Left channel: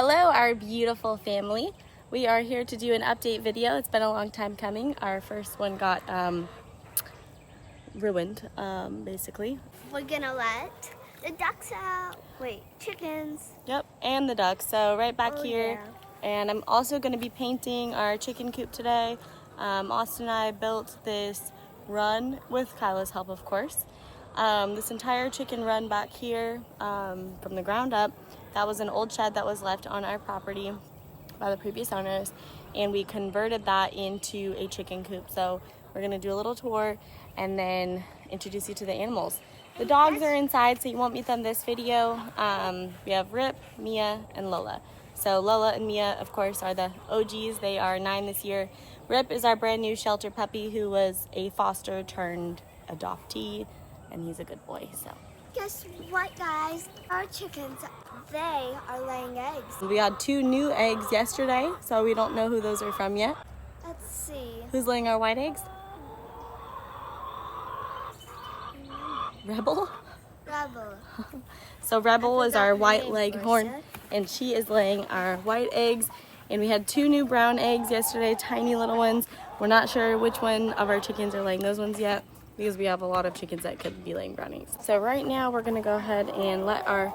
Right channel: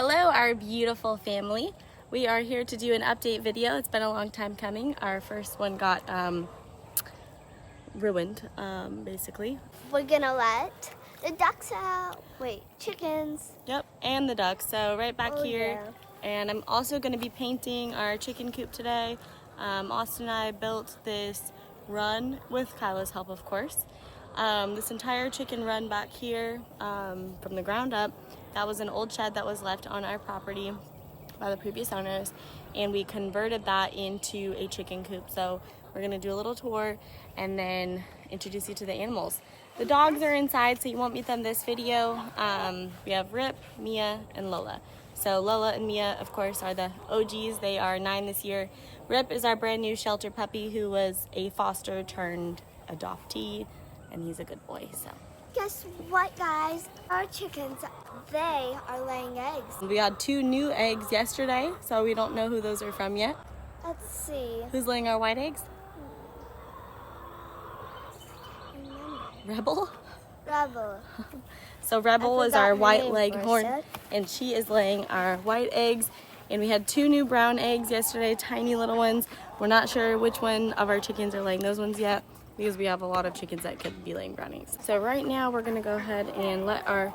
Hello, our beautiful family. We are here to do an update video. It's been a long time coming. Our first one got ruined, basically. We're gonna let the ducks out. Wait, chickens. Yep, and the ducks. So right back here. Yeah. And I'm also going to be painting our chicken coop today. Austin and I built this run with Kyla's help, of course. This entire chicken run back here from the ground up. That was an old shed that was left on our property by the previous owners, and we converted that into a chicken coop. So we're gonna do a little tour and then introduce you to the animals. The dogs are inside, so you won't meet them this video. We have Rip, Mia, and Lola. So Lola and Mia, of course, are the OGs. They are 9 this year. Rip is our brand new shelter puppy who was a foster turned adoptee, and he's a good boy. So Guess what, guys? Our chickens, they are laying eggs. we had 2 new eggs yesterday, so we don't know who those are from yet. Let's see. Who's laying our white eggs? Rebel? Rebel. So Rebel is our white name leghorn, for a sec. and she is laying our white eggs. And we had 2 new brown eggs yesterday, tiny little ones. We're not sure which one of our chickens are laying those ones yet, because we have a lot of chickens that could be laying brown eggs. So right now we're gonna go ahead and let our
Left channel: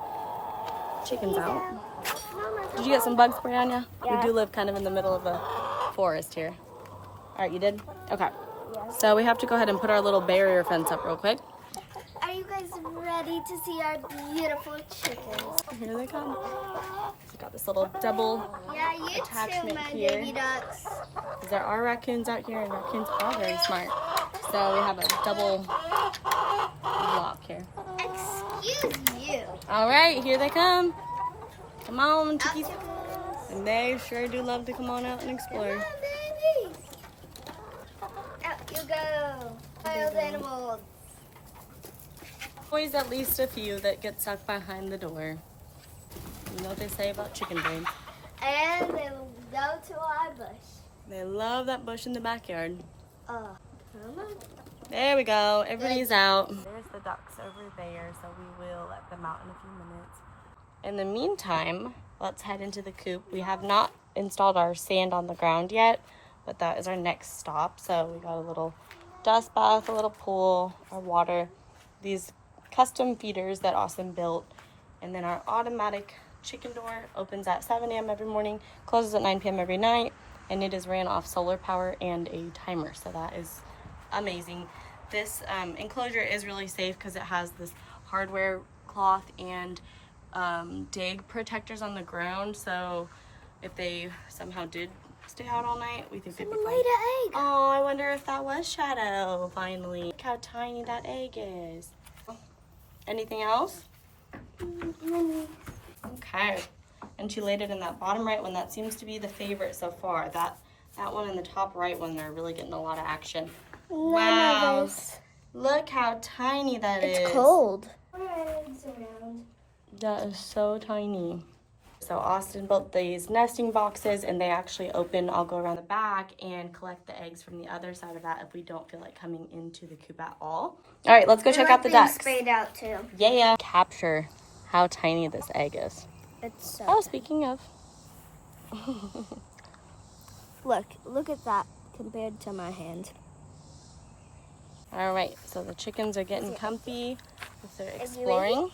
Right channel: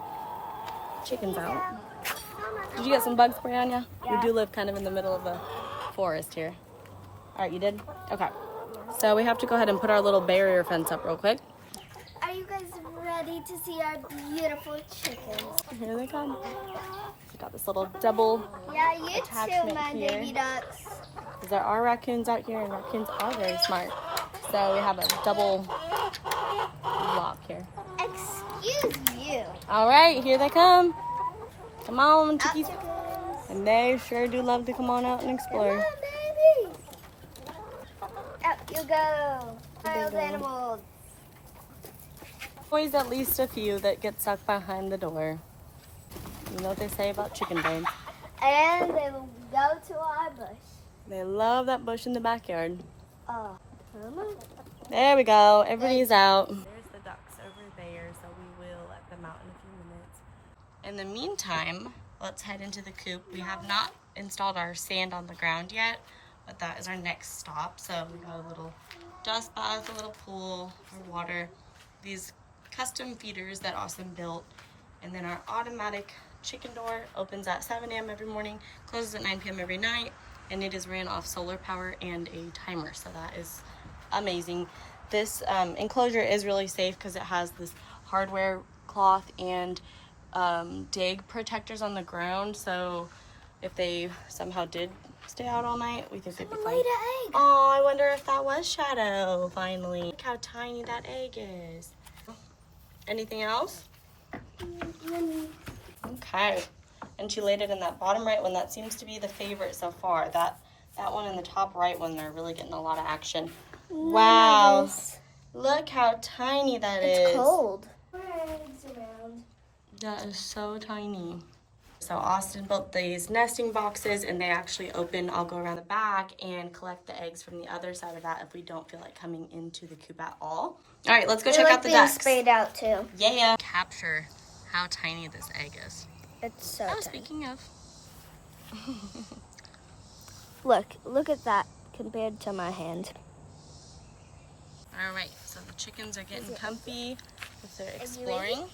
chickens out. Did you get some bug spray on ya? We do live kind of in the middle of a forest here. All right, you did? Okay. So we have to go ahead and put our little barrier fence up real quick. Are you guys ready to see our beautiful chickens? Here they come. We got this little double Yeah, you attachment too, my here. baby ducks. There are raccoons out here, and raccoons are very smart. So we have a double lock here. Excuse you. All right, here they come. Come on, chickies. Out And they sure do love to come on out and explore. babies. Out you go. Wild animals. Always at least a few that get stuck behind the door. You know what they say about chicken bones. And they will go to our bush. They love that bush in the backyard. Oh. There we go. Everybody's out. There's the ducks over there, so we will let them out in a few minutes. In the meantime, let's head into the coop. We have not installed our sand on the ground yet, but that is our next stop. So we got a little dust bath, a little pool, our water, these custom feeders that Austin built, and then our automatic chicken door opens at 7 a.m. every morning, closes at 9 p.m. every night, and it is ran off solar power and a timer, so that is amazing. This enclosure is really safe because it has this hardware cloth and dig protectors on the ground, so if they somehow did stay out all night, we think they'd be Someone fine. laid an egg. Oh, I wonder if that was Shadow, finally. Look how tiny that egg is. Anything else? Okay. And she laid it in that bottom right one. That seems to be the favorite so far. That one in the top right one, they're really getting a lot of action. Wow. Look how tiny that is. It's cold. Eggs around. That is so tiny. So Austin built these nesting boxes, and they actually open. I'll go around the back and collect the eggs from the other side of that if we don't feel like coming into the coop at all. All right, let's go check out the ducks. Sprayed out too. Yeah. Capture how tiny this egg is. It's so. Oh, tiny. speaking of. Look at that compared to my hand. All right, so the chickens are getting comfy as they're exploring.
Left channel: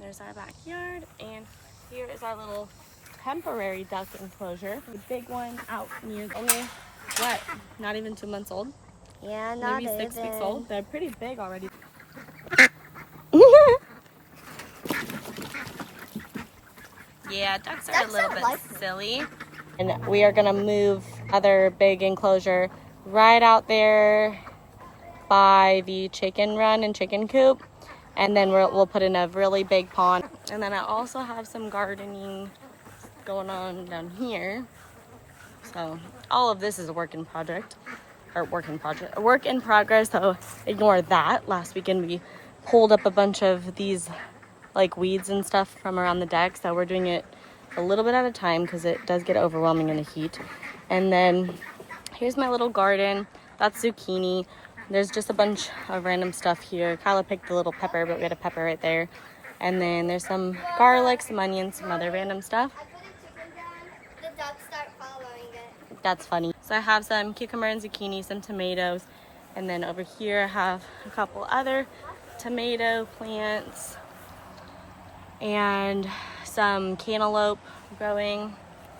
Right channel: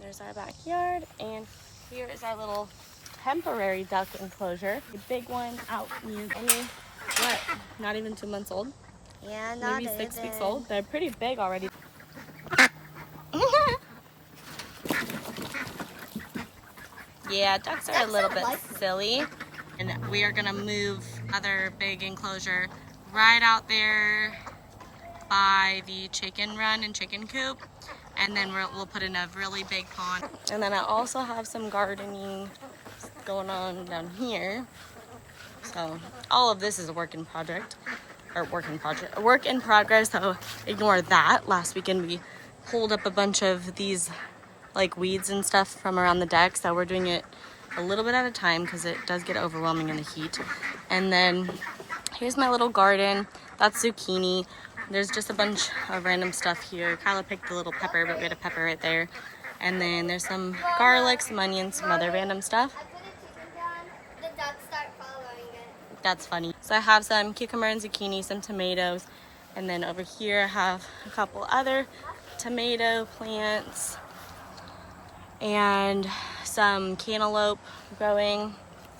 There's our backyard, and here is our little temporary duck enclosure. The big one out near what? Not even 2 months old. Yeah, not Maybe 6 weeks even. old. They're pretty big already. Yeah, ducks are a little bit silly. And we are gonna move other big enclosure right out there by the chicken run and chicken coop. And then we'll put in a really big pond. And then I also have some gardening going on down here. So all of this is a work in progress, so ignore that. Last weekend we pulled up a bunch of these like weeds and stuff from around the deck, so we're doing it a little bit at a time because it does get overwhelming in the heat. And then here's my little garden. That's zucchini. There's just a bunch of random stuff here. Kyla picked the little pepper, but we had a pepper right there. And then there's some garlic, some onions, some other random stuff. that's funny. So I have some cucumber and zucchini, some tomatoes, and then over here I have a couple other tomato plants and some cantaloupe growing.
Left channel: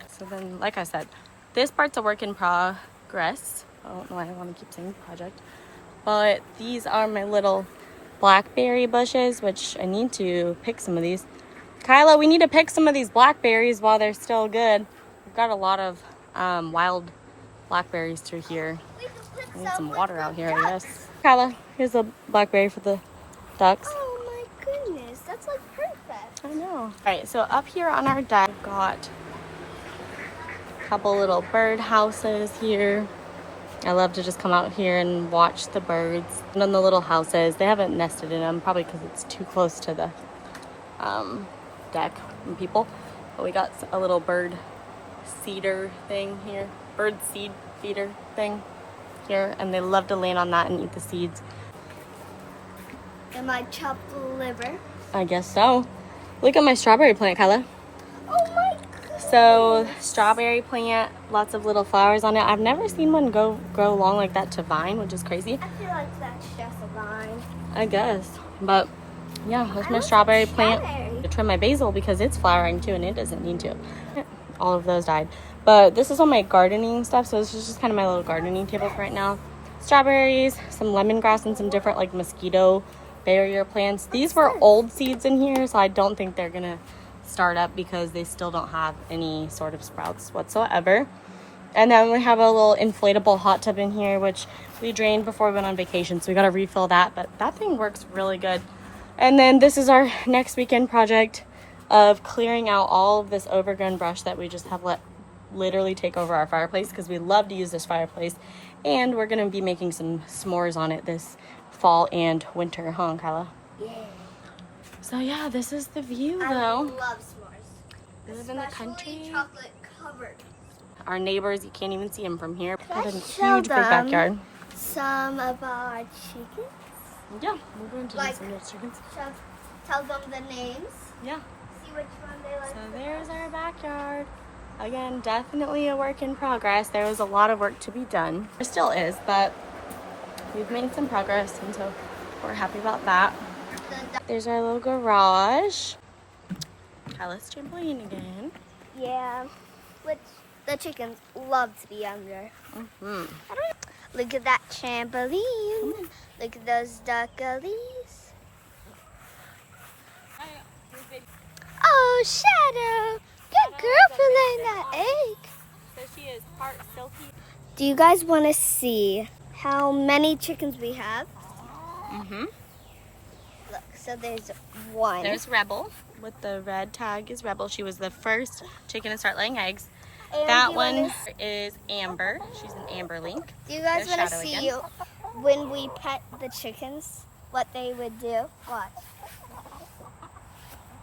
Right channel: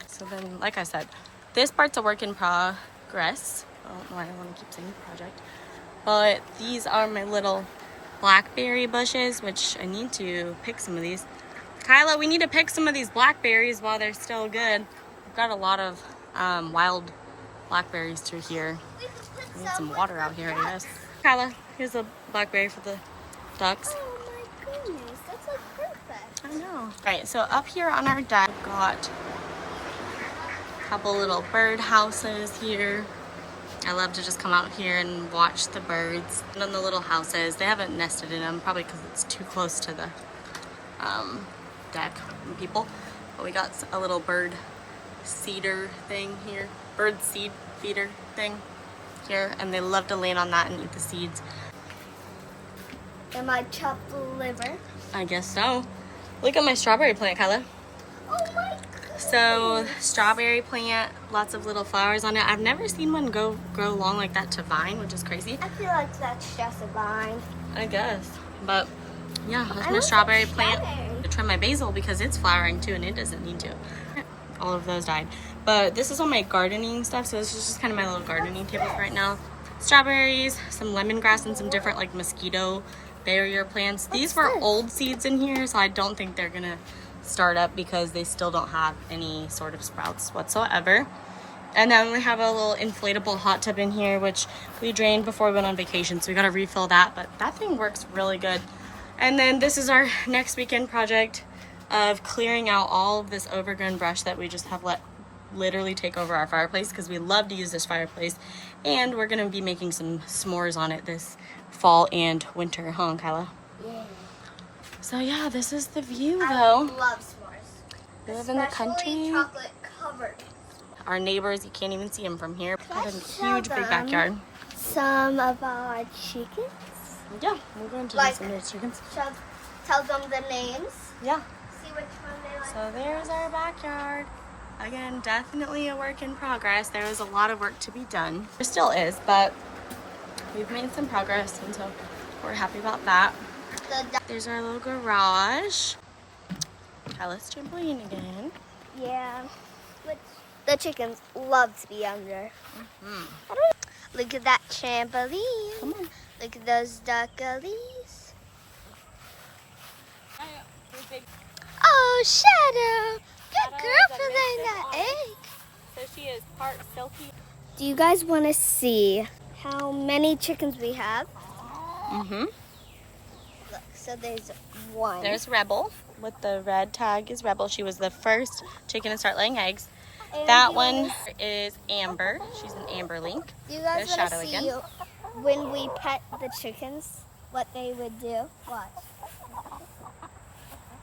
So then, like I said, this part's a work in progress. I don't know why I want to keep saying project, but these are my little blackberry bushes, which I need to pick some of these. Kyla, we need to pick some of these blackberries while they're still good. We've got a lot of wild blackberries through here. I need some water out here, I guess. Kyla, here's a blackberry for the ducks. Oh my goodness, that's like perfect. I know. All right, so up here on our deck, we've got a couple little bird houses here. I love to just come out here and watch the birds. And on the little houses, they haven't nested in them, probably because it's too close to the deck and people. But we got a little bird seeder thing here, bird seed feeder thing here, and they love to land on that and eat the seeds. Am I chopped the liver? I guess so. Look at my strawberry plant, Kyla. Oh my. So strawberry plant, lots of little flowers on it. I've never seen one grow long like that to vine, which is crazy. I feel like that's just a vine. I guess, but yeah, that's my strawberry plant. I trim my basil because it's flowering too and it doesn't need to. All of those died. But this is all my gardening stuff, so this is just kind of my little gardening table for right now. Strawberries, some lemongrass, and some different like mosquito barrier plants. These were old seeds in here, so I don't think they're gonna start up because they still don't have any sort of sprouts whatsoever. And then we have a little inflatable hot tub in here, which we drained before we went on vacation, so we gotta refill that, but that thing works really good. And then this is our next weekend project of clearing out all of this overgrown brush that we just have let literally take over our fireplace, because we love to use this fireplace, and we're gonna be making some s'mores on it this fall and winter, huh, Kyla? Yeah. So yeah, this is the view I though. love s'mores. We live in the country. Chocolate covered. Our neighbors, you can't even see them from here. Got a show huge big them? backyard. Some of our chickens. Yeah, we'll go into Like- some of the chickens. Tell them the names. Yeah. See which one they like. So there's our backyard. Again, definitely a work in progress. There was a lot of work to be done. There still is, but we've made some progress, and so we're happy about that. There's our little garage. Kyla's trampoline again. Yeah, which the chickens love to be under. Hmm. Look at that trampoline. Look at those duckalies. Oh, Shadow. Good girl for laying that egg. So she is part silky. Do you guys want to see how many chickens we have? Mm-hmm. Look, so there's one. There's Rebel with the red tag is Rebel. She was the first chicken to start laying eggs. And That do you one wanna- is Amber. She's an Amber Link. Do you guys There's want Shadow to see again. when we pet the chickens, what they would do? What?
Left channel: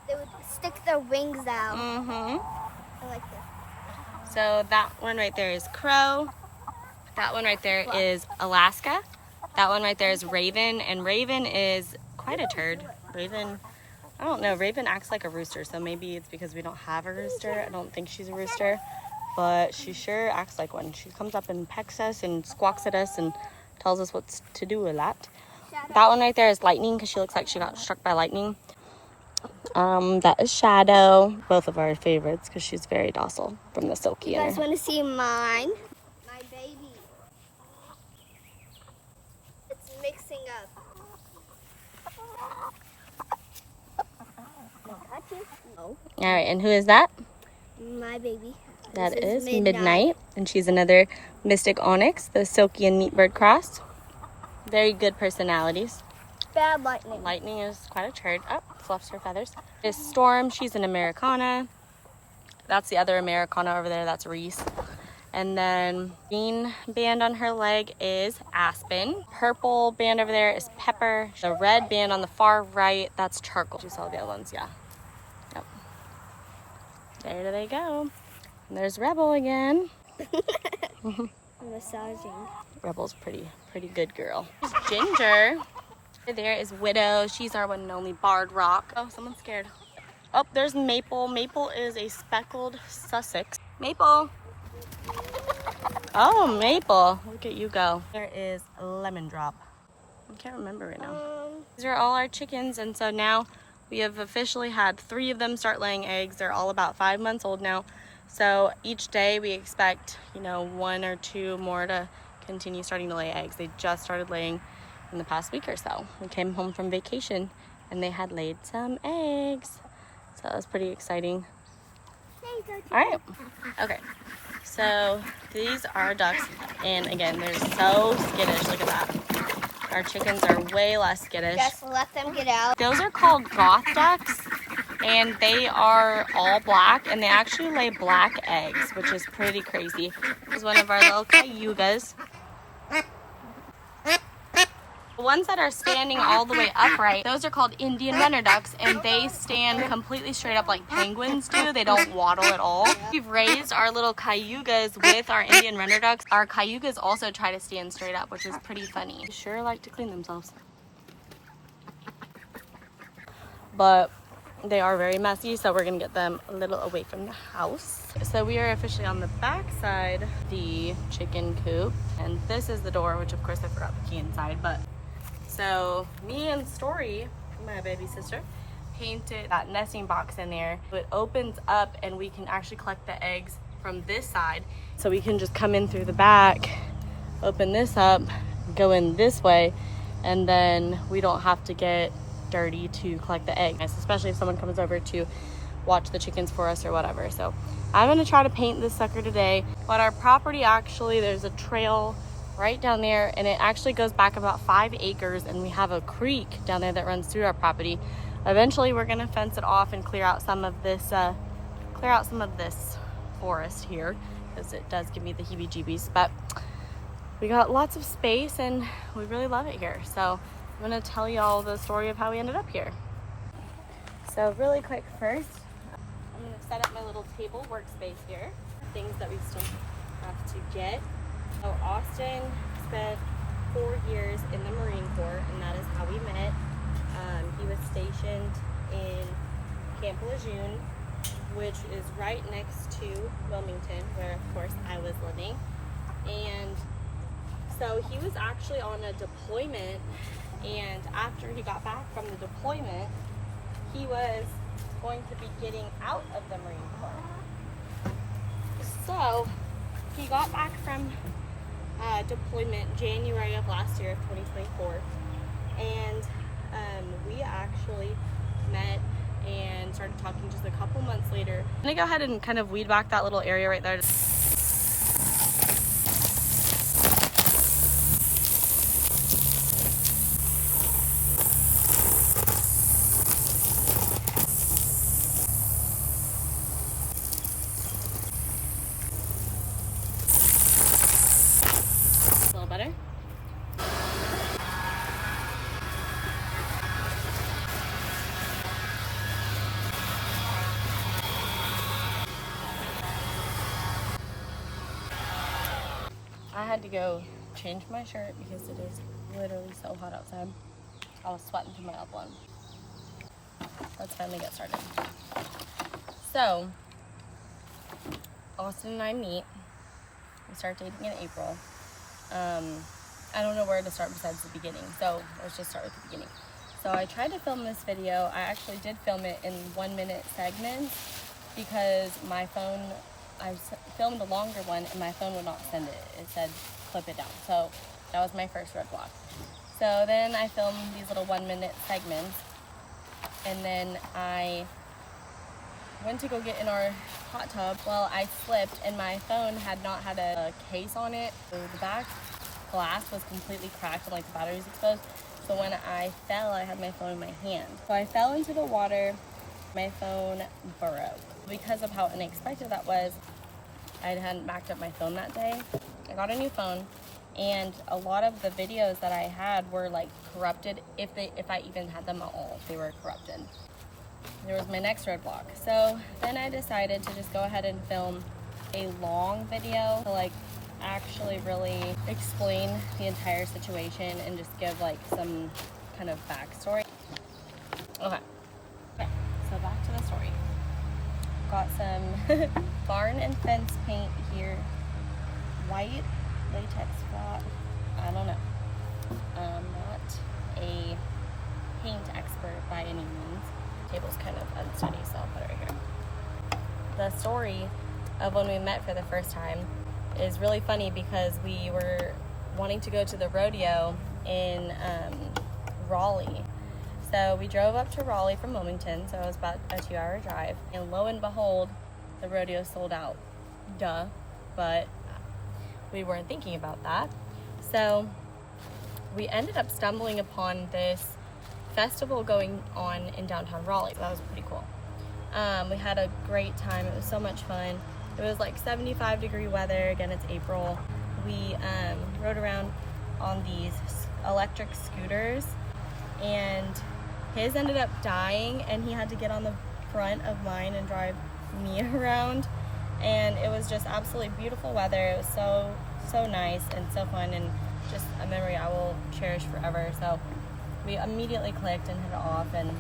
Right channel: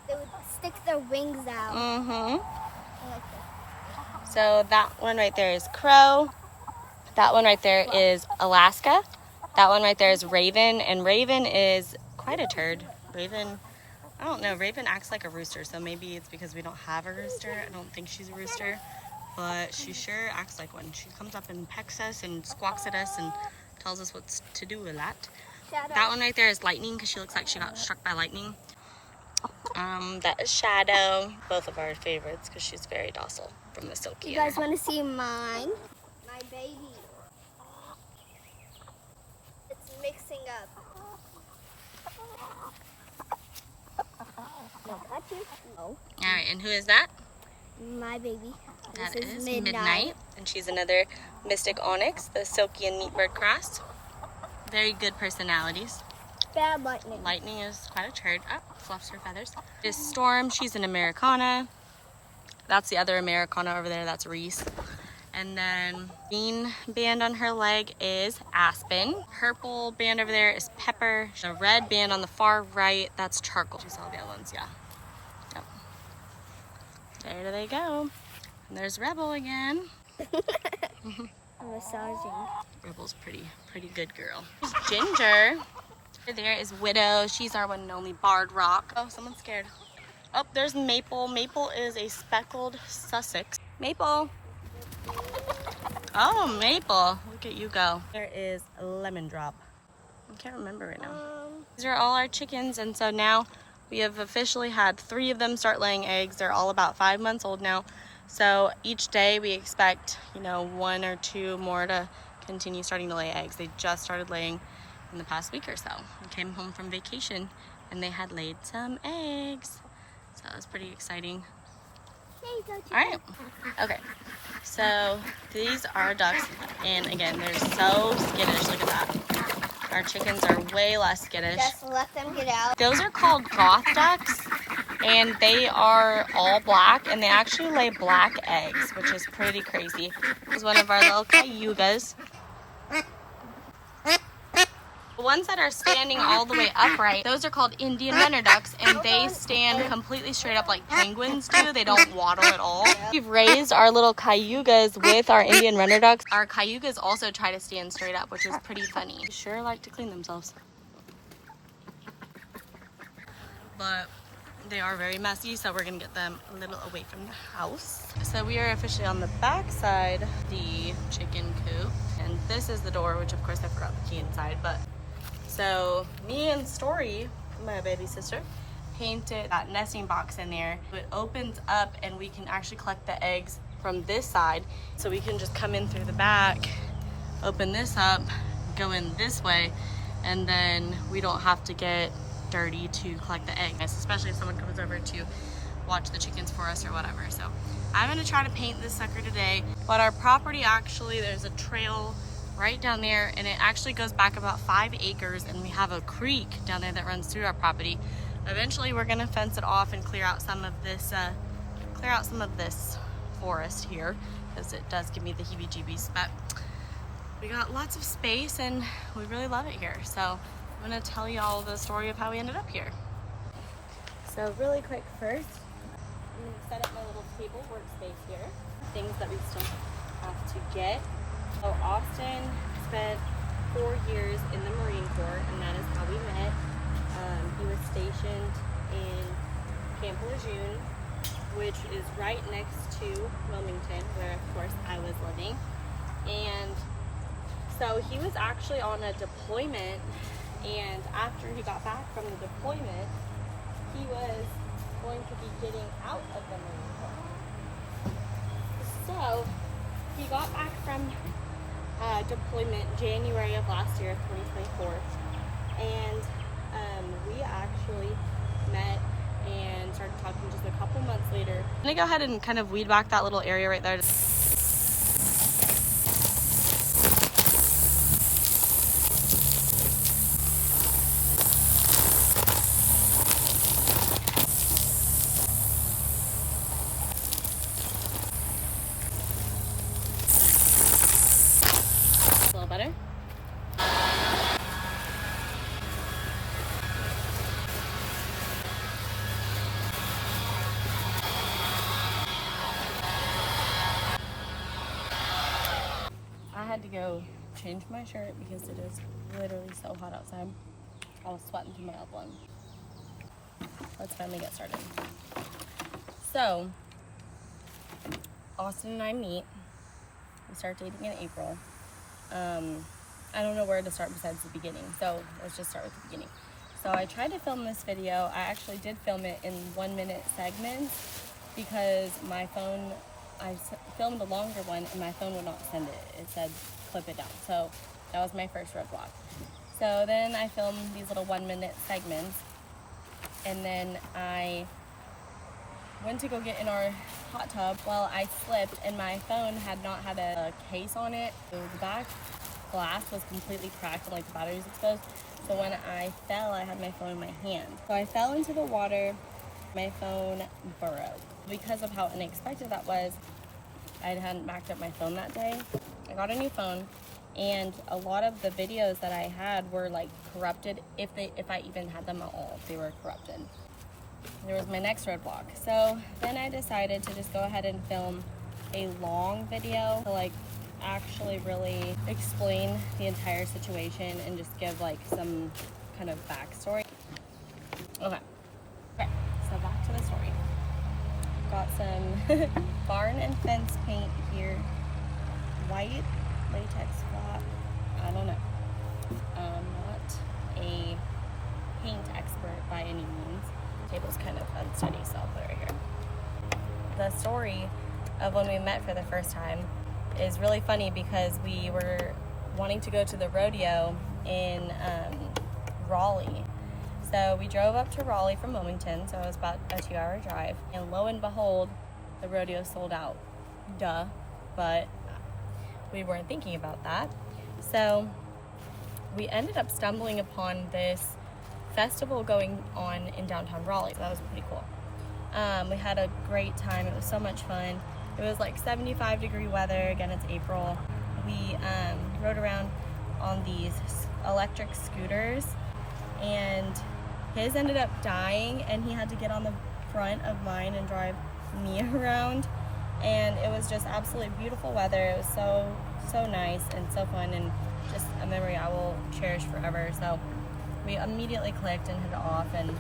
They would stick their wings out. Mm-hmm. Like this. So that one right there is Crow. That one right there is Alaska. That one right there is Raven. And Raven is quite a turd. Raven, I don't know. Raven acts like a rooster. So maybe it's because we don't have a rooster. I don't think she's a rooster. But she sure acts like one. She comes up and pecks us and squawks at us and tells us what to do a lot. That one right there is Lightning because she looks like she got struck by lightning. That is Shadow. Both of our favorites because she's very docile from the Silky. You guys want to see mine? My baby. It's mixing up. No, that's it. No. All right, and who is that? My baby. That This is Midnight. And she's another Mystic Onyx, the Silky and Neat Bird cross. Very good personalities. Bad lightning. Lightning is quite a turd. Oh, fluffs her feathers. This Storm, she's an Americana. That's the other Americana over there, that's Reese. And then green band on her leg is Aspen. Purple band over there is Pepper. The red band on the far right, that's Charcoal. You saw the other ones, yeah. Yep. There they go. And there's Rebel again. Massaging. Rebel's pretty good girl. There's Ginger. There is Widow. She's our one and only barred rock. Oh, someone's scared. Oh, there's Maple. Maple is a speckled Sussex. Maple. Oh, Maple. Look at you go. There is a lemon drop. I can't remember right now. These are all our chickens, and so now we have officially had 3 of them start laying eggs. They're all about 5 months old now. So each day we expect, you know, 1 or 2 more to continue starting to lay eggs. They just started laying in the past week or so. We came home from vacation and they had laid some eggs. So that was pretty exciting. All right, okay. So these are ducks, and again, they're so skittish. Look at that. Our chickens are way less skittish. Just let them get out. Those are called goth ducks, and they are all black, and they actually lay black eggs, which is pretty crazy. This is one of our little cayugas. The ones that are standing all the way upright, those are called Indian runner ducks, and they stand completely straight up like penguins do. They don't waddle at all. We've raised our little cayugas with our Indian runner ducks. Our cayugas also try to stand straight up, which is pretty funny. They sure like to clean themselves. But they are very messy, so we're gonna get them a little away from the house. So we are officially on the back side of the chicken coop, and this is the door, which of course I forgot the key inside. But so me and Story, my baby sister, painted that nesting box in there. It opens up and we can actually collect the eggs from this side. So we can just come in through the back, open this up, go in this way, and then we don't have to get dirty to collect the eggs, especially if someone comes over to watch the chickens for us or whatever. So I'm gonna try to paint this sucker today. But our property, actually, there's a trail right down there, and it actually goes back about 5 acres, and we have a creek down there that runs through our property. Eventually we're gonna fence it off and clear out some of this forest here, because it does give me the heebie-jeebies. But we got lots of space and we really love it here. So I'm gonna tell y'all the story of how we ended up here. So really quick, first I'm gonna set up my little table workspace here. Things that we still have to get. So Austin spent 4 years in the Marine Corps, and that is how we met. He was stationed in Camp Lejeune, which is right next to Wilmington, where of course I was living. And so he was actually on a deployment, and after he got back from the deployment, he was going to be getting out of the Marine Corps. So he got back from deployment January of last year, 2024, and we actually met and started talking just a couple months later. I'm gonna go ahead and kind of weed back that little area right there. A little better. I had to go change my shirt because it is literally so hot outside. I was sweating through my elbow. Let's finally get started. So, Austin and I meet. We start dating in April. I don't know where to start besides the beginning, so let's just start with the beginning. So I tried to film this video. I actually did film it in 1-minute segments because my phone, I filmed a longer one and my phone would not send it. It said clip it down. So that was my first roadblock. So then I filmed these little 1-minute segments, and then I went to go get in our hot tub. Well, I slipped and my phone had not had a case on it. So the back glass was completely cracked and like the battery was exposed. So when I fell, I had my phone in my hand. So I fell into the water, my phone broke. Because of how unexpected that was, I hadn't backed up my phone that day. I got a new phone, and a lot of the videos that I had were like corrupted, if I even had them at all, they were corrupted. There was my next roadblock. So then I decided to just go ahead and film a long video to like actually really explain the entire situation and just give like some kind of backstory. Okay, so back to the story. Got some barn and fence paint here white latex flat. I don't know. I'm not a paint expert by any means. The table's kind of unsteady, so I'll put it right here. The story of when we met for the first time is really funny because we were wanting to go to the rodeo in Raleigh. So we drove up to Raleigh from Wilmington, so it was about a 2-hour drive. And lo and behold, the rodeo sold out. Duh. But we weren't thinking about that. So we ended up stumbling upon this festival going on in downtown Raleigh. So that was pretty cool. We had a great time. It was so much fun. It was like 75-degree weather. Again, it's April. We rode around on these electric scooters, and his ended up dying, and he had to get on the front of mine and drive me around. And it was just absolutely beautiful weather. It was so nice and so fun, and just a memory I will cherish forever. So we immediately clicked and hit it off, and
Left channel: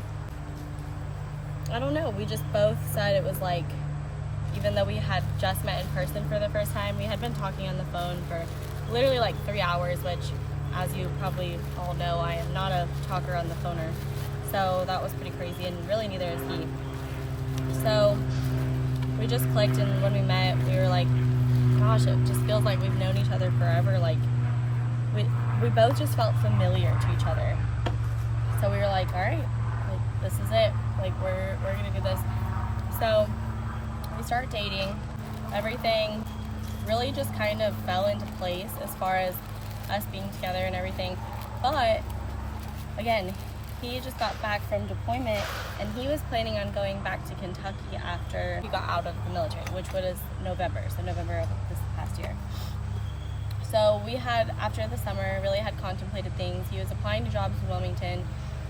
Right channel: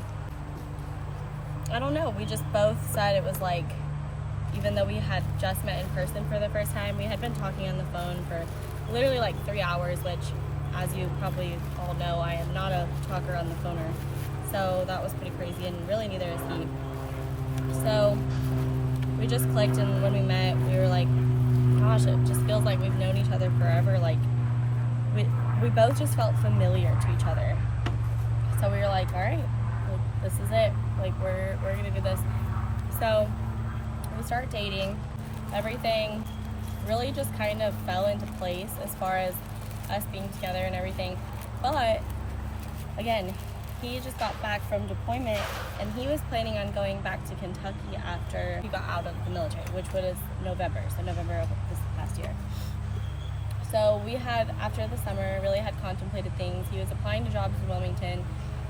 I don't know, we just both said it was like, even though we had just met in person for the first time, we had been talking on the phone for literally like 3 hours, which, as you probably all know, I am not a talker on the phoner. So that was pretty crazy, and really neither is he. So we just clicked, and when we met, we were like, gosh, it just feels like we've known each other forever. Like, we both just felt familiar to each other. So we were like, all right, well, this is it. Like, we're gonna do this. So we started dating. Everything really just kind of fell into place as far as us being together and everything. But again, he just got back from deployment, and he was planning on going back to Kentucky after he got out of the military, which was November of this past year. So we had, after the summer, really had contemplated things. He was applying to jobs in Wilmington.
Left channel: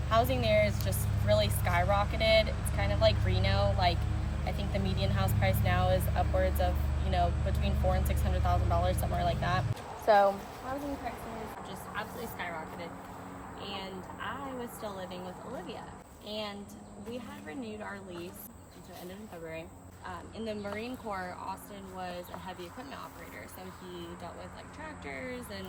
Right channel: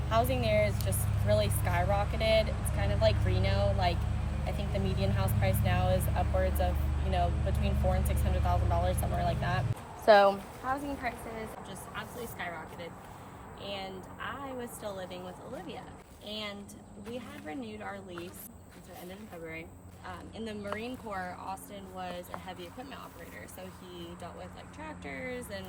Housing there is just really skyrocketed. It's kind of like Reno. Like, I think the median house price now is upwards of, between $400,000 and $600,000, somewhere like that. So housing prices have just absolutely skyrocketed. And I was still living with Olivia. And we had renewed our lease, which ended in February. In the Marine Corps, Austin was a heavy equipment operator. So he dealt with like tractors and,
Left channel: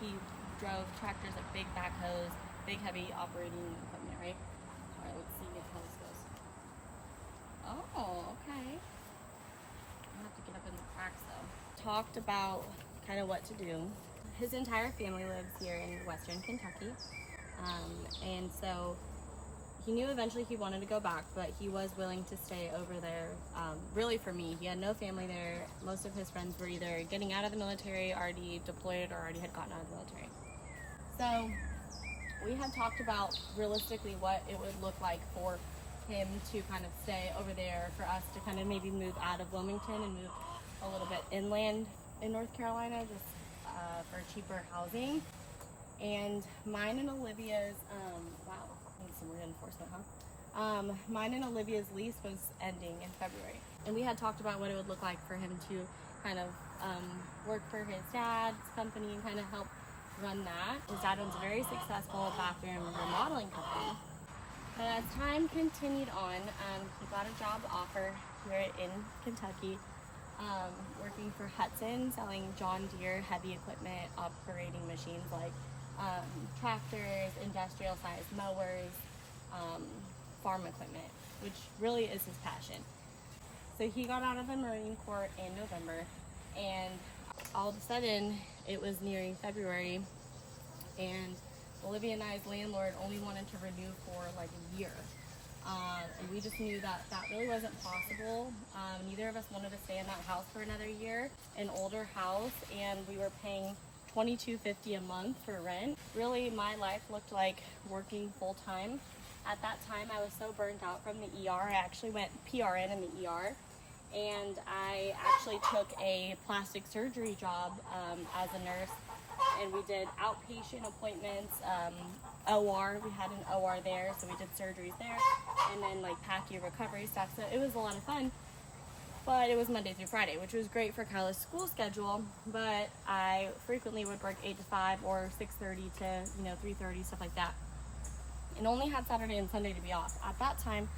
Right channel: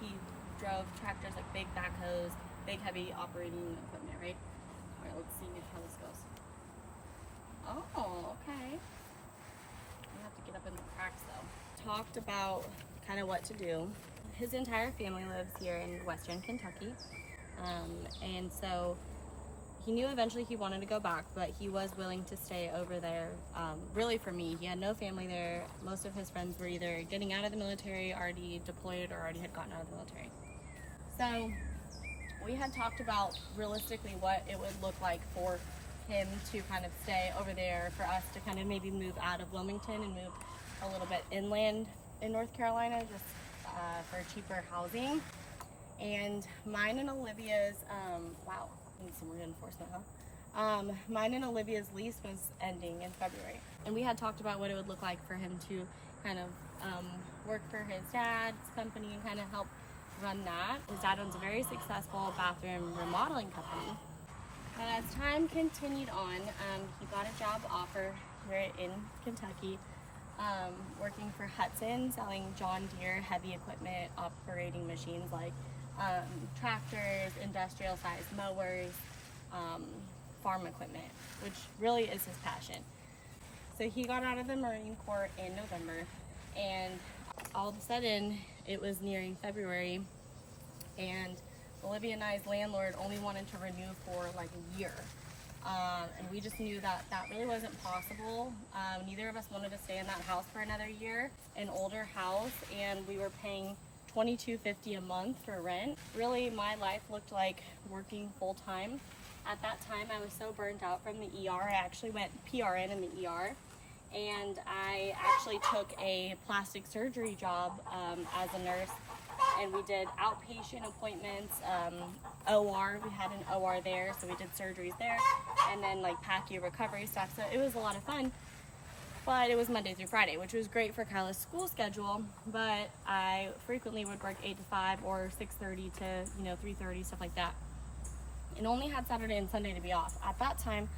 he drove tractors, like big backhoes, big heavy operating equipment, right? All right, let's see how this goes. Oh, okay. I have to get up in the cracks though. Talked about kind of what to do. His entire family lives here in Western Kentucky. And so he knew eventually he wanted to go back, but he was willing to stay over there, really for me. He had no family there. Most of his friends were either getting out of the military, already deployed, or already had gotten out of the military. So we had talked about realistically what it would look like for him to kind of stay over there, for us to kind of maybe move out of Wilmington and move a little bit inland in North Carolina, just for cheaper housing. And mine and Olivia's, wow, need some reinforcement, huh? Mine and Olivia's lease was ending in February. And we had talked about what it would look like for him to kind of work for his dad's company and kind of help run that. His dad owns a very successful bathroom remodeling company. But as time continued on, he got a job offer here in Kentucky, working for Hudson, selling John Deere heavy equipment operating machines like tractors, industrial sized mowers, farm equipment, which really is his passion. So he got out of the Marine Corps in November, and all of a sudden it was nearing February, and Olivia and I's landlord only wanted to renew for like a year. And we just knew that that really wasn't possible. Neither of us wanted to stay in that house for another year, an older house, and we were paying $22.50 a month for rent. Really, my life looked like working full time. At that time, I was so burnt out from the ER. I actually went PRN in the ER, and I actually took a plastic surgery job as a nurse, and we did outpatient appointments, OR. We had an OR there, so we did surgeries there, and then like PACU recovery stuff. So it was a lot of fun. But it was Monday through Friday, which was great for Kyla's school schedule, but I frequently would work 8 to 5 or 6:30 to 3:30, stuff like that, and only had Saturday and Sunday to be off. At that time,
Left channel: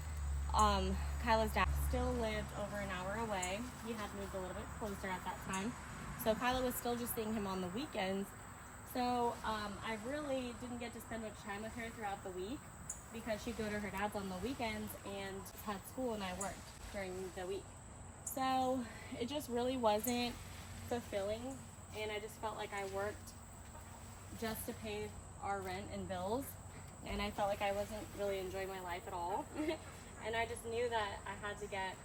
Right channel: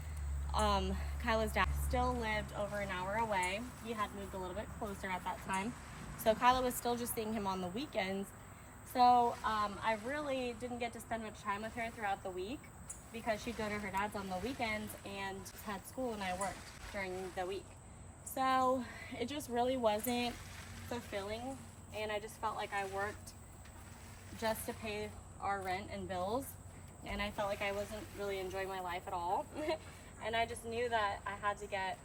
Kyla's dad passed, still lived over an hour away. He had moved a little bit closer at that time. So Kyla was still just seeing him on the weekends. So I really didn't get to spend much time with her throughout the week because she'd go to her dad's on the weekends and had school and I worked during the week. So it just really wasn't fulfilling, and I just felt like I worked just to pay our rent and bills, and I felt like I wasn't really enjoying my life at all. And I just knew that I had to get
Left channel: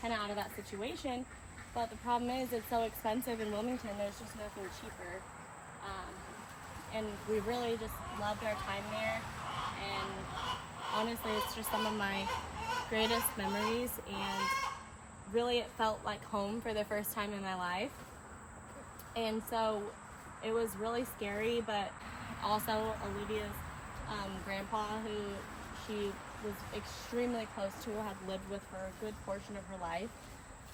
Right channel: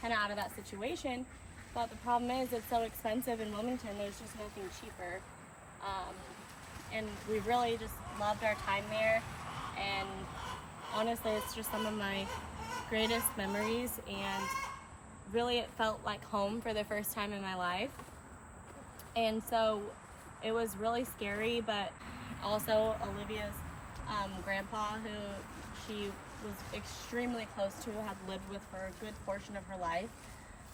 kind of out of that situation. But the problem is it's so expensive in Wilmington, there's just nothing cheaper. And we really just loved our time there, and honestly it's just some of my greatest memories, and really it felt like home for the first time in my life. And so it was really scary, but also Olivia's grandpa, who she was extremely close to, had lived with for a good portion of her life.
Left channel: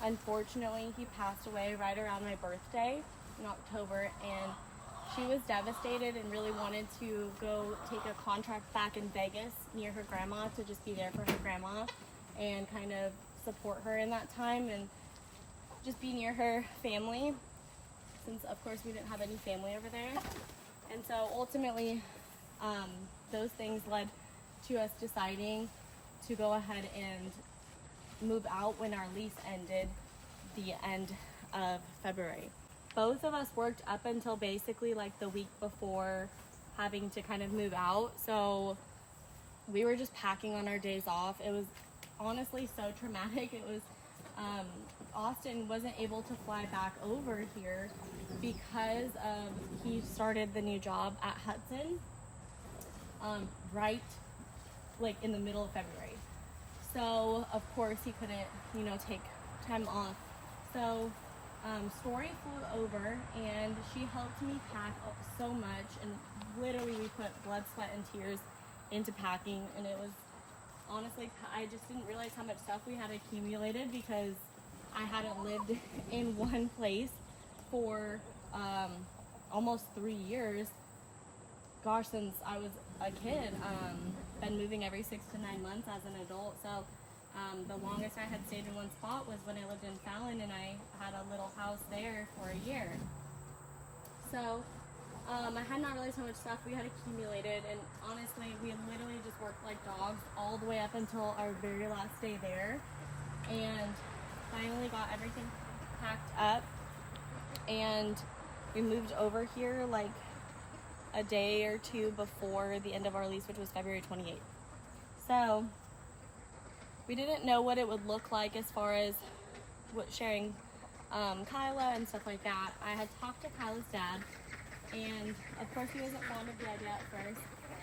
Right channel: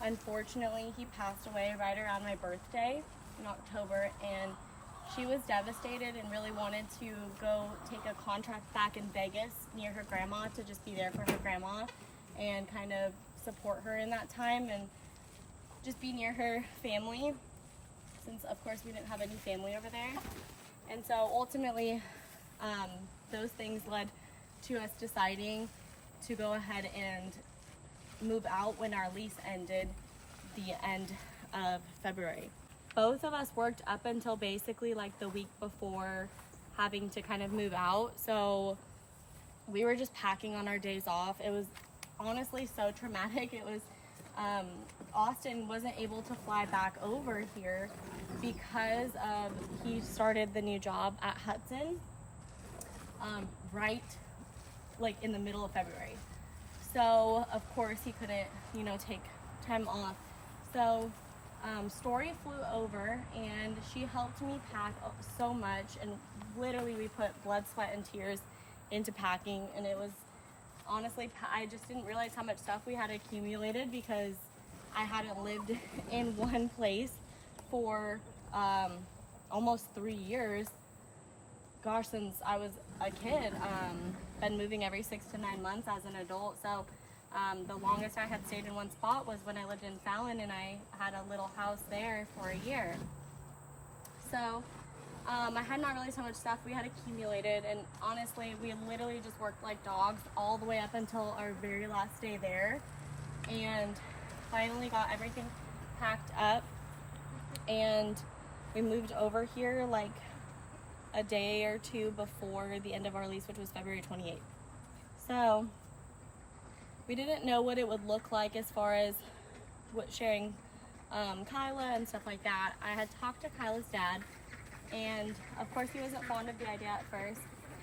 Unfortunately, he passed away right around my birthday in October, and she was devastated and really wanted to go take a contract back in Vegas near her grandma to just be there for her grandma and kind of support her in that time and just be near her family, since of course we didn't have any family over there. And so ultimately those things led to us deciding to go ahead and move out when our lease ended the end of February. Both of us worked up until basically like the week before having to kind of move out. So we were just packing on our days off. It was honestly so traumatic. It was, Austin wasn't able to fly back over here because he started the new job at Hudson right like in the middle of February. So of course he couldn't, you know, take time off. So Story flew over and she helped me pack so much, and literally we put blood, sweat, and tears into packing, and it was honestly, I just didn't realize how much stuff we had accumulated because I hadn't lived in one place for almost 3 years. Gosh, since I was a kid. Been moving every 6 to 9 months as an adult. So the longest I had stayed in one spot was when I lived in Fallon, and I had a little house there for a year. So I had not really so much stuff we had accumulated, and honestly we literally just worked like dogs all the way up until our very last day there, and finally got everything packed up, and we moved over here like a day or two before the end of our lease, which was February 28th. So we didn't know what it would look like as far as sharing Kyla and stuff like that. I had talked to Kyla's dad, and of course he wasn't fond of the idea at first,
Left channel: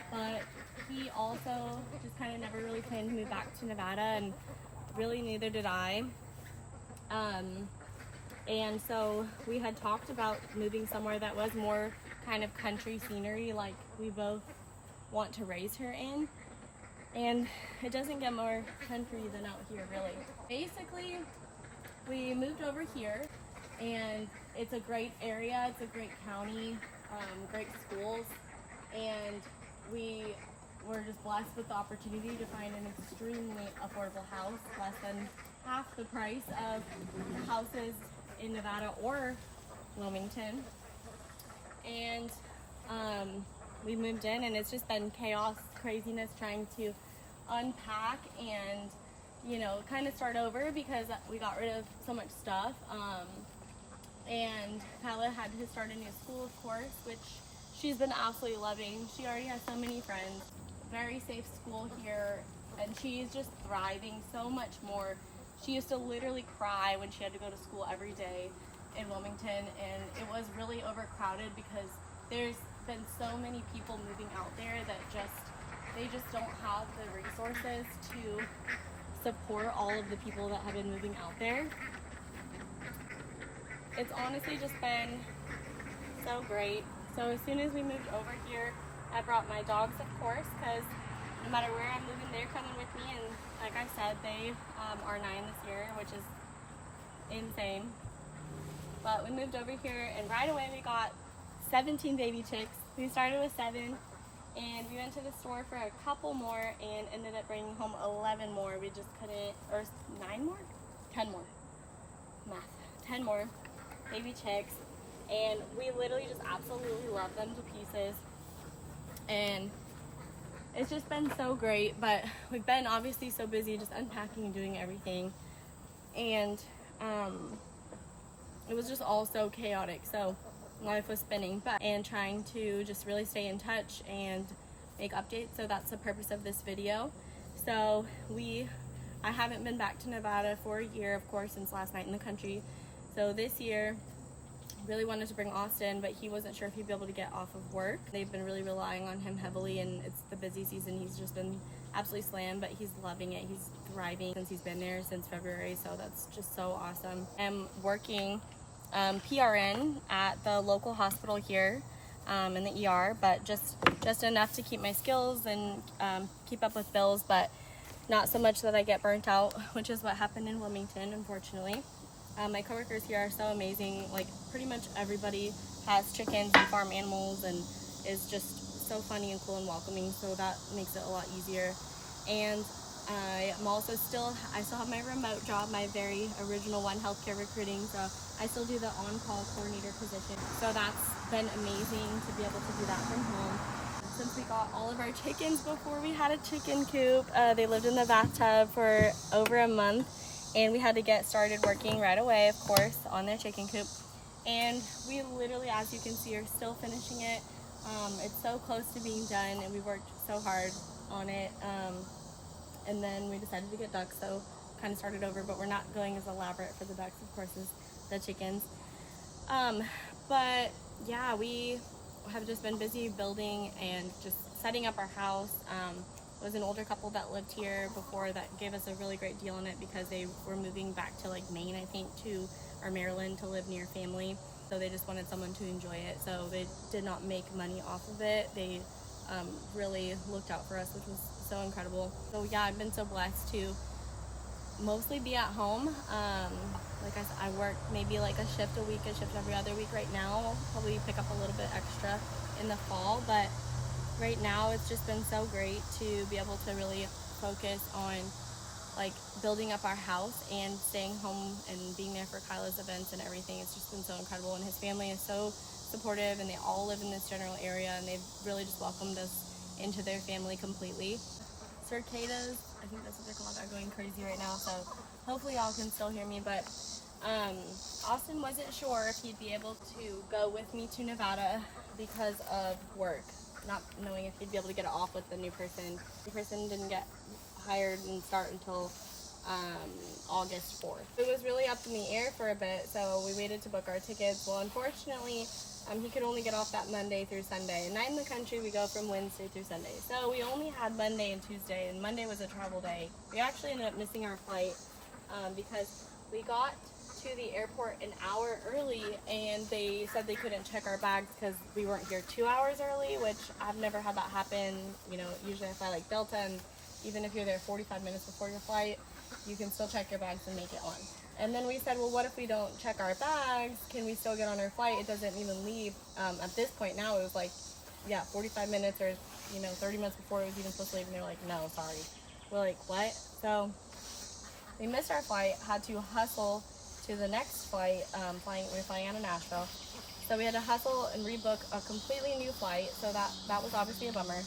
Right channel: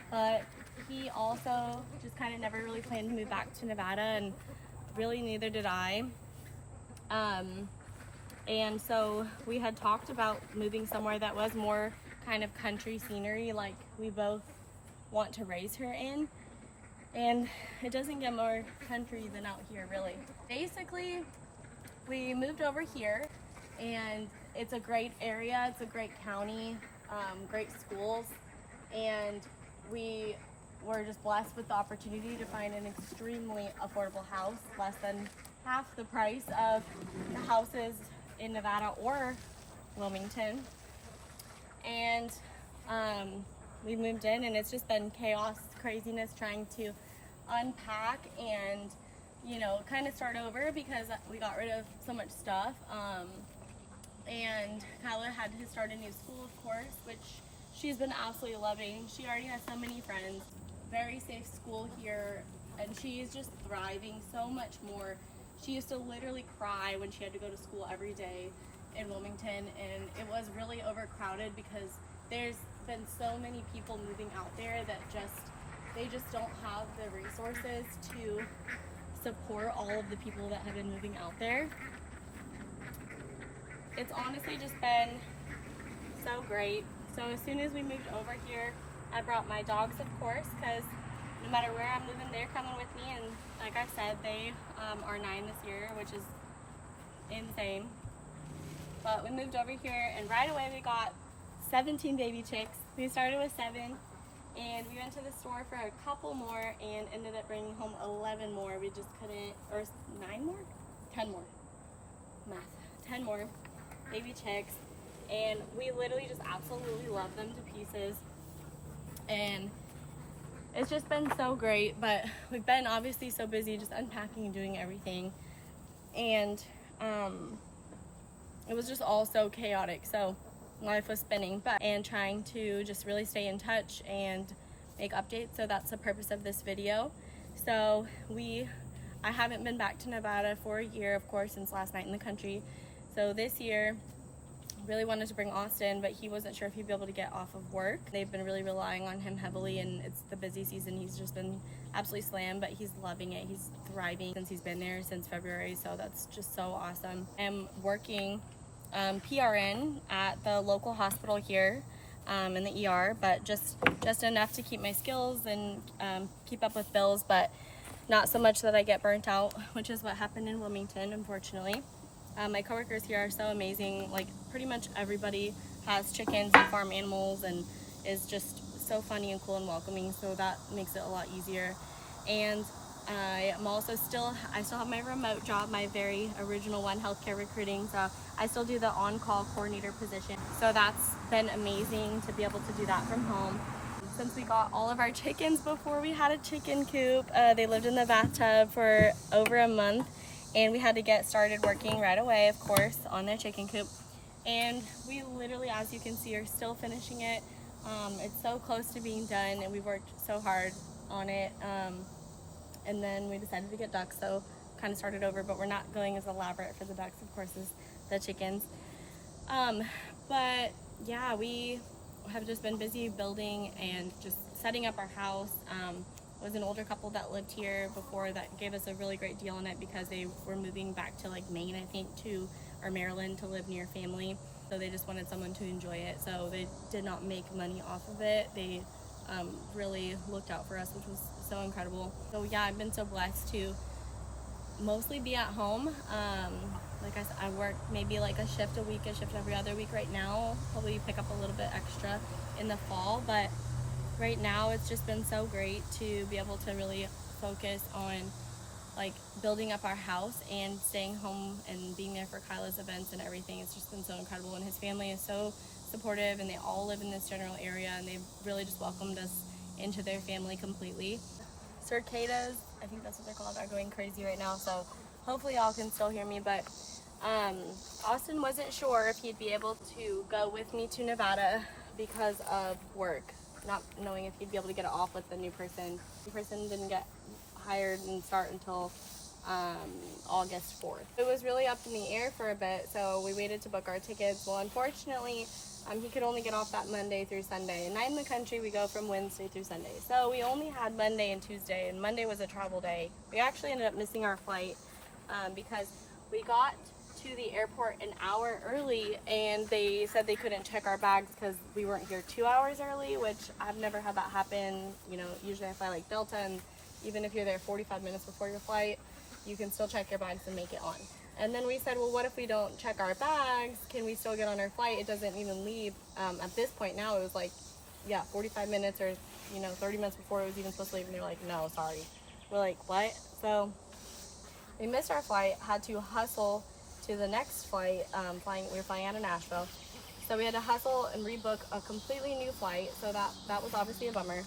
but he also just kind of never really planned to move back to Nevada, and really neither did I. And so we had talked about moving somewhere that was more kind of country scenery, like we both want to raise her in, and it doesn't get more country than out here, really. Basically, we moved over here, and it's a great area, it's a great county, great schools, and we were just blessed with the opportunity to find an extremely affordable house, less than half the price of the houses in Nevada or Wilmington. And we moved in, and it's just been chaos, craziness, trying to unpack and, you know, kind of start over because we got rid of so much stuff. And Kyla had to start a new school, of course, which she's been absolutely loving. She already has so many friends, very safe school here, and she's just thriving so much more. She used to literally cry when she had to go to school every day in Wilmington, and it was really overcrowded because there's been so many people moving out there that they just don't have the resources to support all of the people that have been moving out there. It's honestly just been so great. So as soon as we moved over here, I brought my dogs, of course, because no matter where I'm moving, they're coming with me, and like I said, they are 9 this year, which is insane. But we moved over here, and right away we got 17 baby chicks. We started with 7, And we went to the store for a couple more and ended up bringing home 11 more. We just couldn't, or 9 more? 10 more. Math. 10 more baby chicks. And we literally just absolutely love them to pieces. And it's just been so great, but we've been obviously so busy just unpacking and doing everything. And it was just all so chaotic. So life was spinning, and trying to just really stay in touch and make updates. So that's the purpose of this video. So I haven't been back to Nevada for a year, of course, since last night in the country. So this year, really wanted to bring Austin, but he wasn't sure if he'd be able to get off of work. They've been really relying on him heavily, and it's the busy season. He's just been absolutely slammed, but he's loving it. He's thriving since he's been there since February, so that's just so awesome. I'm working PRN at the local hospital here in the ER, but just enough to keep my skills and keep up with bills, but not so much that I get burnt out, which is what happened in Wilmington, unfortunately. My coworkers here are so amazing. Like, pretty much everybody has chickens and farm animals and is just so funny and cool and welcoming, so that makes it a lot easier. And I still have my remote job, my very original one, healthcare recruiting, so I still do the on-call coordinator position. So that's been amazing to be able to do that from home. Since we got all of our chickens before we had a chicken coop, they lived in the bathtub for over a month. And we had to get started working right away, of course, on their chicken coop. And we literally, as you can see, are still finishing it. It's so close to being done, and we worked so hard on it. And then we decided to get ducks, so kind of started over, but we're not going as elaborate for the ducks, of course, as the chickens. But yeah, we have just been busy building and just setting up our house. Was an older couple that lived here before that gave us a really great deal on it because they were moving back to like Maine, I think, or Maryland to live near family. So they just wanted someone to enjoy it. So they did not make money off of it. They really looked out for us, which was so incredible. So yeah, I've been so blessed to mostly be at home. Like I work maybe like a shift a week, a shift every other week right now. Probably pick up a little bit extra in the fall, but right now it's just been so great to be able to really focus on like building up our house and staying home and being there for Kyla's events and everything. It's just been so incredible, and his family is so supportive, and they all live in this general area, and they've really just welcomed us into their family completely. Cicadas, I think that's what they're called, are going crazy right now, so hopefully y'all can still hear me. But Austin wasn't sure if he'd be able to go with me to Nevada because of work, not knowing if he'd be able to get it off with the new person. The person didn't get hired and start until August 4th. It was really up in the air for a bit, so we waited to book our tickets. Well, unfortunately, he could only get off that Monday through Sunday. And night in the country, we go from Wednesday through Sunday. So we only had Monday and Tuesday, and Monday was a travel day. We actually ended up missing our flight because we got to the airport an hour early, and they said they couldn't check our bags because we weren't here 2 hours early, which I've never had that happen. You know, usually I fly like Delta, and even if you're there 45 minutes before your flight, you can still check your bags and make it on. And then we said, well, what if we don't check our bags? Can we still get on our flight? It doesn't even leave. At this point now, it was like, yeah, 45 minutes or, 30 minutes before it was even supposed to leave. And they're like, no, sorry. We're like, what? So we missed our flight, had to hustle to the next flight. We were flying out of Nashville. So we had to hustle and rebook a completely new flight. So that was obviously a bummer.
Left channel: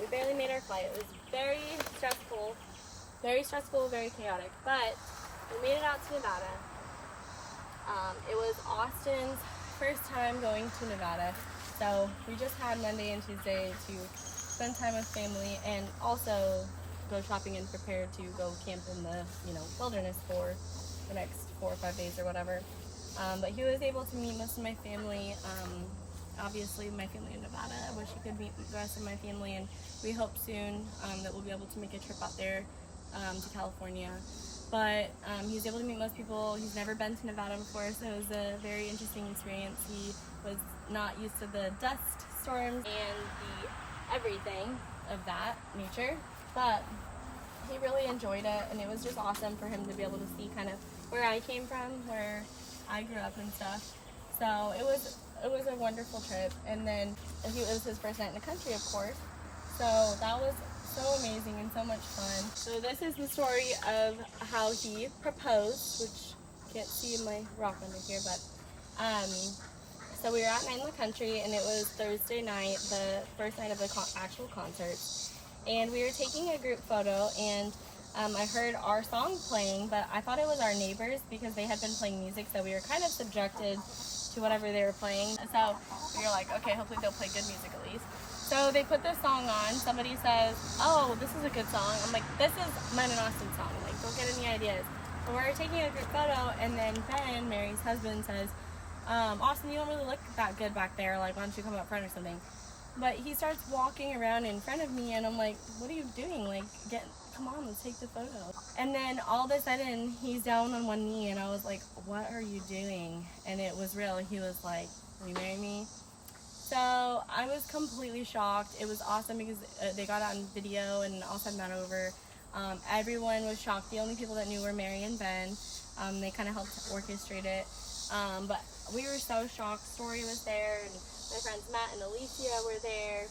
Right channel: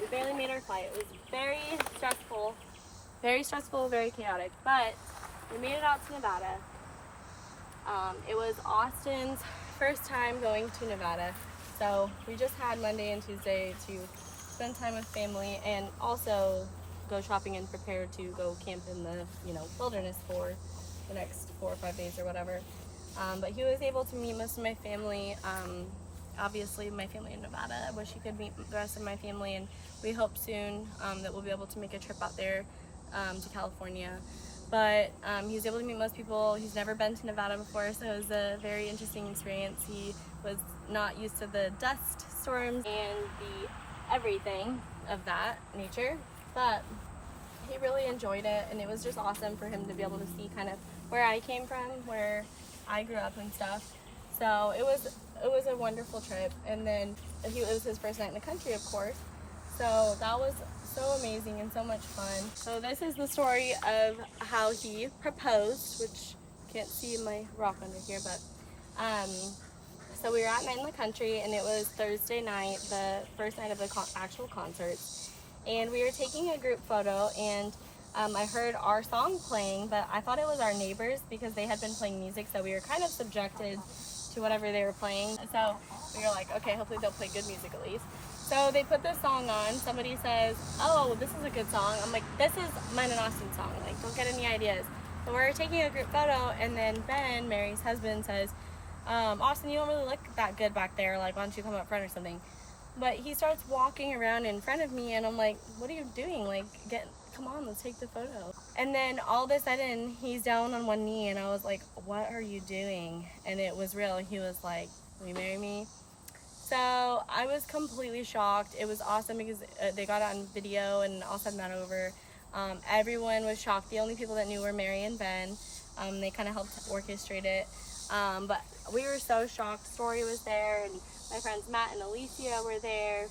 We barely made our flight. It was very stressful, very chaotic, but we made it out to Nevada. It was Austin's first time going to Nevada, so we just had Monday and Tuesday to spend time with family and also go shopping and prepare to go camp in the wilderness for the next 4 or 5 days or whatever. But he was able to meet most of my family. Obviously my family in Nevada. I wish he could meet the rest of my family, and we hope soon that we'll be able to make a trip out there to California. But he was able to meet most people. He's never been to Nevada before, so it was a very interesting experience. He was not used to the dust storms and the everything of that nature, but he really enjoyed it, and it was just awesome for him to be able to see kind of where I came from, where I grew up and stuff. So it was a wonderful trip. And then it was his first night in the country, of course. So that was so amazing and so much fun. So this is the story of how he proposed, which can't see my rock under here, but so we were at Night in the Country, and it was Thursday night, the first night of the actual concert. And we were taking a group photo, and I heard our song playing, but I thought it was our neighbors because they had been playing music, so we were kind of subjected to whatever they were playing. So we were like, okay, hopefully they'll play good music at least. So they put this song on. Somebody says, oh, this is a good song. I'm like, this is mine and Austin's song. Like, don't get any ideas. So we're taking a group photo, and then Ben, Mary's husband, says, Austin, you don't really look that good back there. Like, why don't you come up front or something? But he starts walking around in front of me, and I'm like, what are you doing? Like, come on, let's take the photo. And then all of a sudden, he's down on one knee, and I was like, what are you doing? And it was real. He was like, will you marry me? So I was completely shocked. It was awesome because they got it on video, and I'll send that over. Everyone was shocked. The only people that knew were Mary and Ben. They kind of helped orchestrate it. But we were so shocked. Story was there, and my friends Matt and Alicia were there,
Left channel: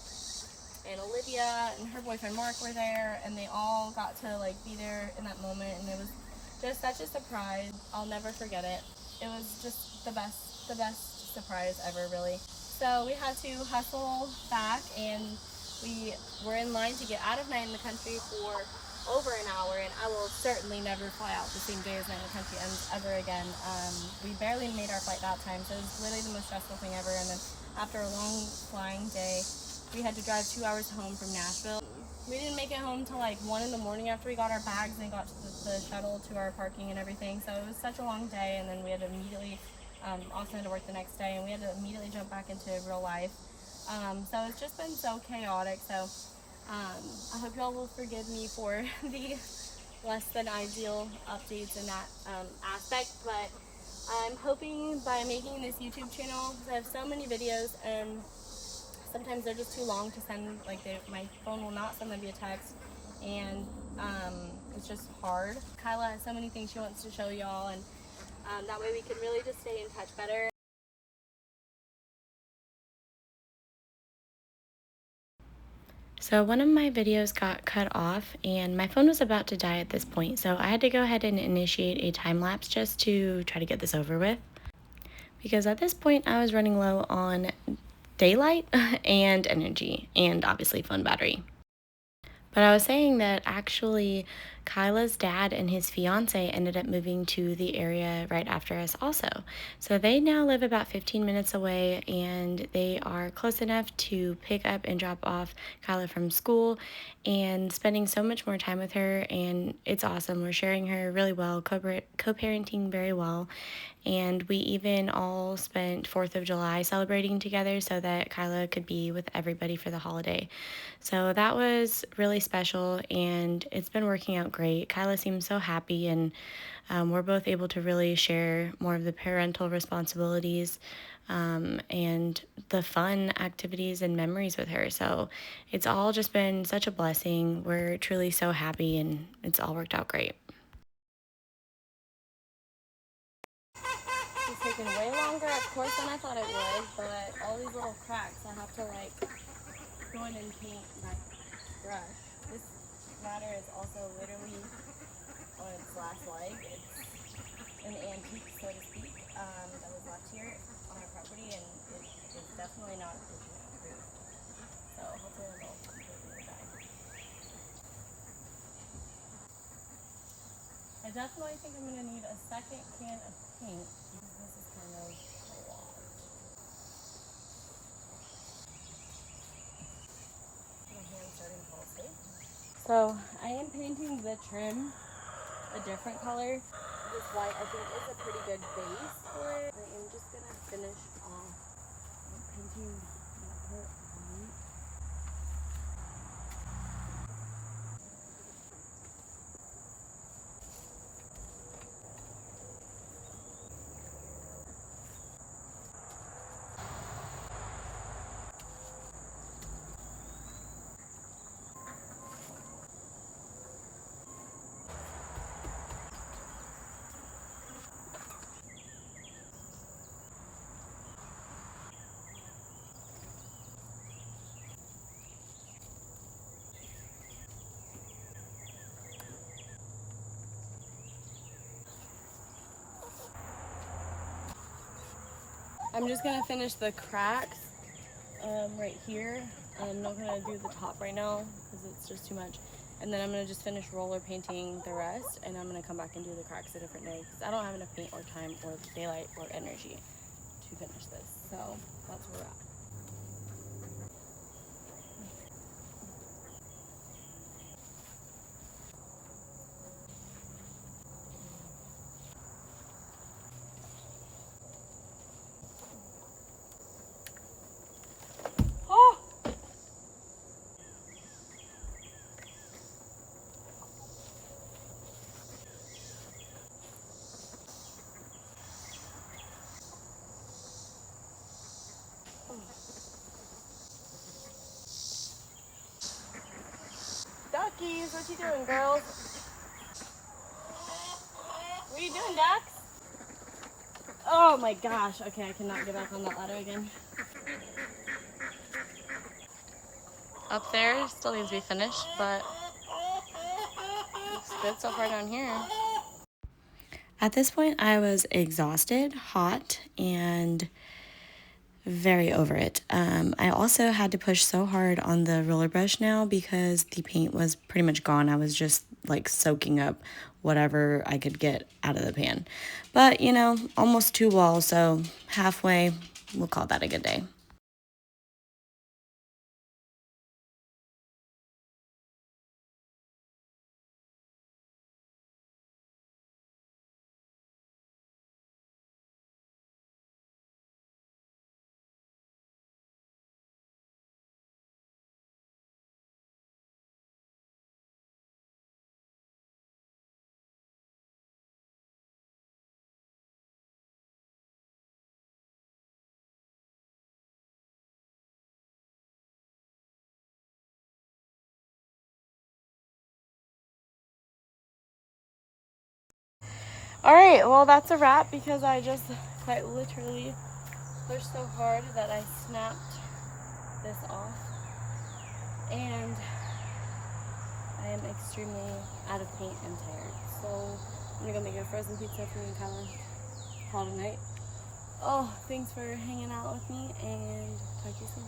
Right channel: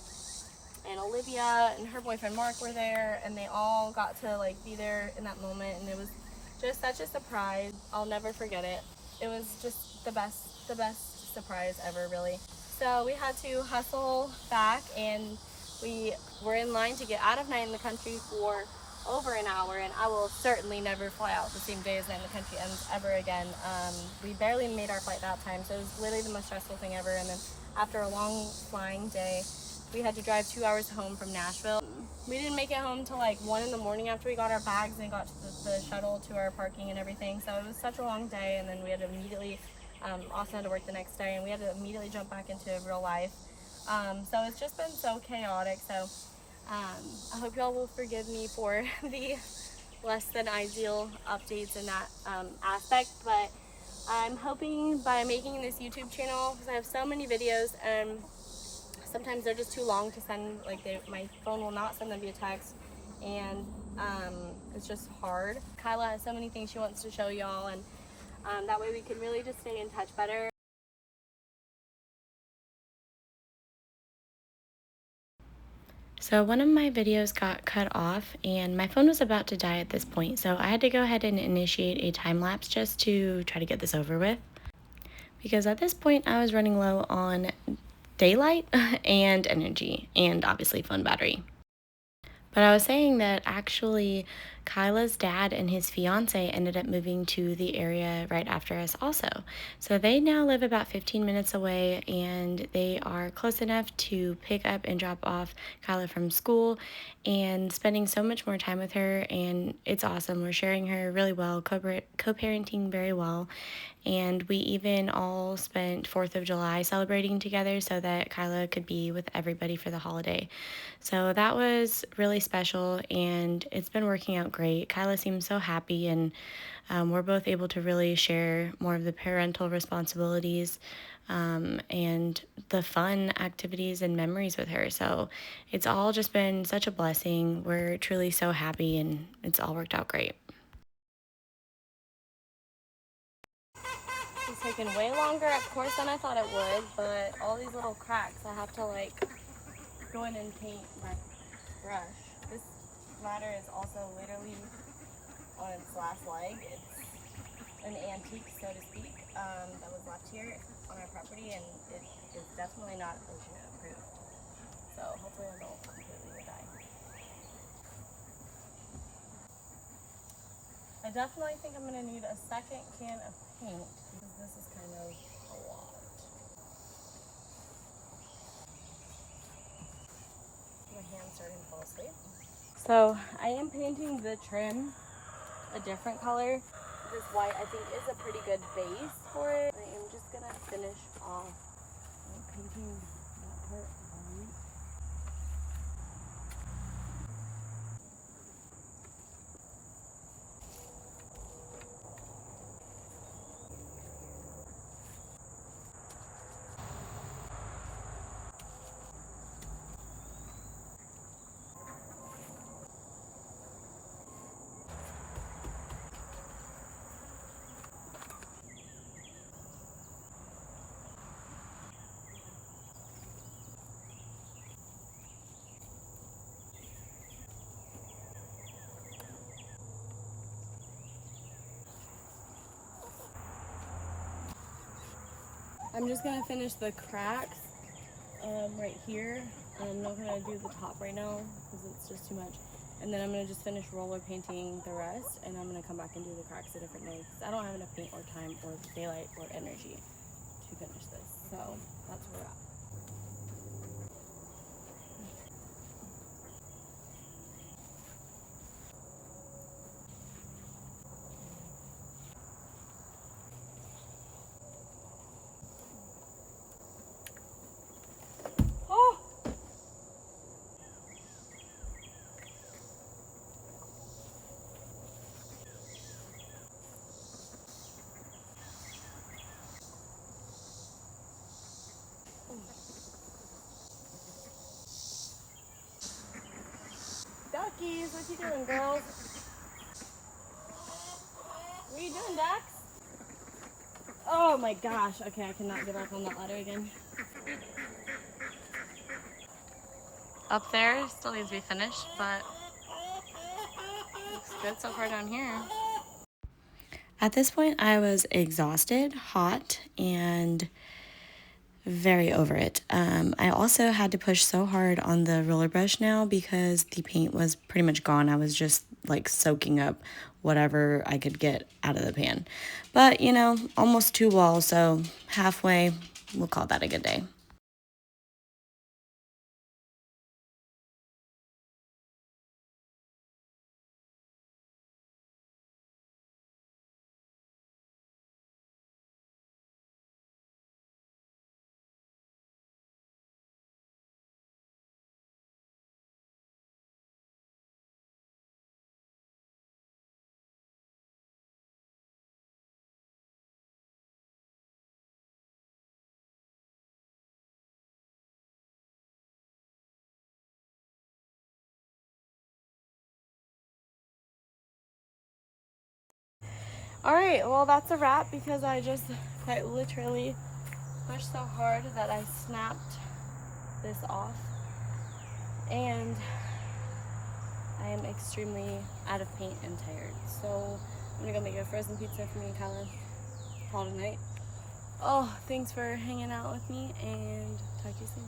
and Olivia and her boyfriend Mark were there, and they all got to like be there in that moment, and it was just such a surprise. I'll never forget it. It was just the best surprise ever, really. So we had to hustle back, and we were in line to get out of Night in the Country for over an hour, and I will certainly never fly out the same day as Night in the Country ends ever again. We barely made our flight that time, so it was literally the most stressful thing ever. And then after a long flying day, we had to drive 2 hours home from Nashville. We didn't make it home till like 1 in the morning after we got our bags and got to the shuttle to our parking and everything. So it was such a long day, and then we had to immediately, Austin had to work the next day, and we had to immediately jump back into real life. So it's just been so chaotic. So I hope y'all will forgive me for the less than ideal updates in that aspect, but I'm hoping by making this YouTube channel, because I have so many videos, and sometimes they're just too long to send, like my phone will not send them via text, and it's just hard. Kyla has so many things she wants to show y'all, and that way we can really just stay in touch better. So one of my videos got cut off, and my phone was about to die at this point, so I had to go ahead and initiate a time lapse just to try to get this over with, because at this point I was running low on daylight and energy, and obviously phone battery. But I was saying that actually Kyla's dad and his fiance ended up moving to the area right after us also. So they now live about 15 minutes away, and they are close enough to pick up and drop off Kyla from school, and spending so much more time with her, and it's awesome. We're sharing her really well, co-parenting very well. And we even all spent 4th of July celebrating together so that Kyla could be with everybody for the holiday. So that was really special, and it's been working out great. Kyla seems so happy, and we're both able to really share more of the parental responsibilities and the fun activities and memories with her. So it's all just been such a blessing. We're truly so happy, and it's all worked out great. It's taken way longer, of course, than I thought it would, but all these little cracks, I have to like go in and paint my brush. This ladder is also literally on its last leg. It's an antique, so to speak, that was left here on our property, and it is definitely not ocean approved. So hopefully I don't completely die. I definitely think I'm gonna need a second can of paint because this is kind of a lot. My hand's starting to fall asleep. So I am painting the trim a different color. This white I think is a pretty good base for it. I am just gonna finish off painting that part white. I'm just gonna finish the cracks right here. I'm not gonna do the top right now because it's just too much. And then I'm gonna just finish roller painting the rest, and I'm gonna come back and do the cracks a different day because I don't have enough paint or time or daylight or energy to finish this. So that's where we're at. Oh! Duckies, what you doing, girls? What are you doing, ducks? Oh my gosh. Okay, I cannot get back on that ladder again. Up there still needs to be finished, but looks good so far down here. At this point, I was exhausted, hot, and very over it. I also had to push so hard on the roller brush now because the paint was pretty much gone. I was just like soaking up whatever I could get out of the pan. But, you know, almost 2 walls, so halfway, we'll call that a good day. All right, well, that's a wrap because I just quite literally pushed so hard that I snapped this off. And I am extremely out of paint and tired. So I'm gonna go make a frozen pizza for me and Kyla. Call tonight. Oh, thanks for hanging out with me and talk to you soon.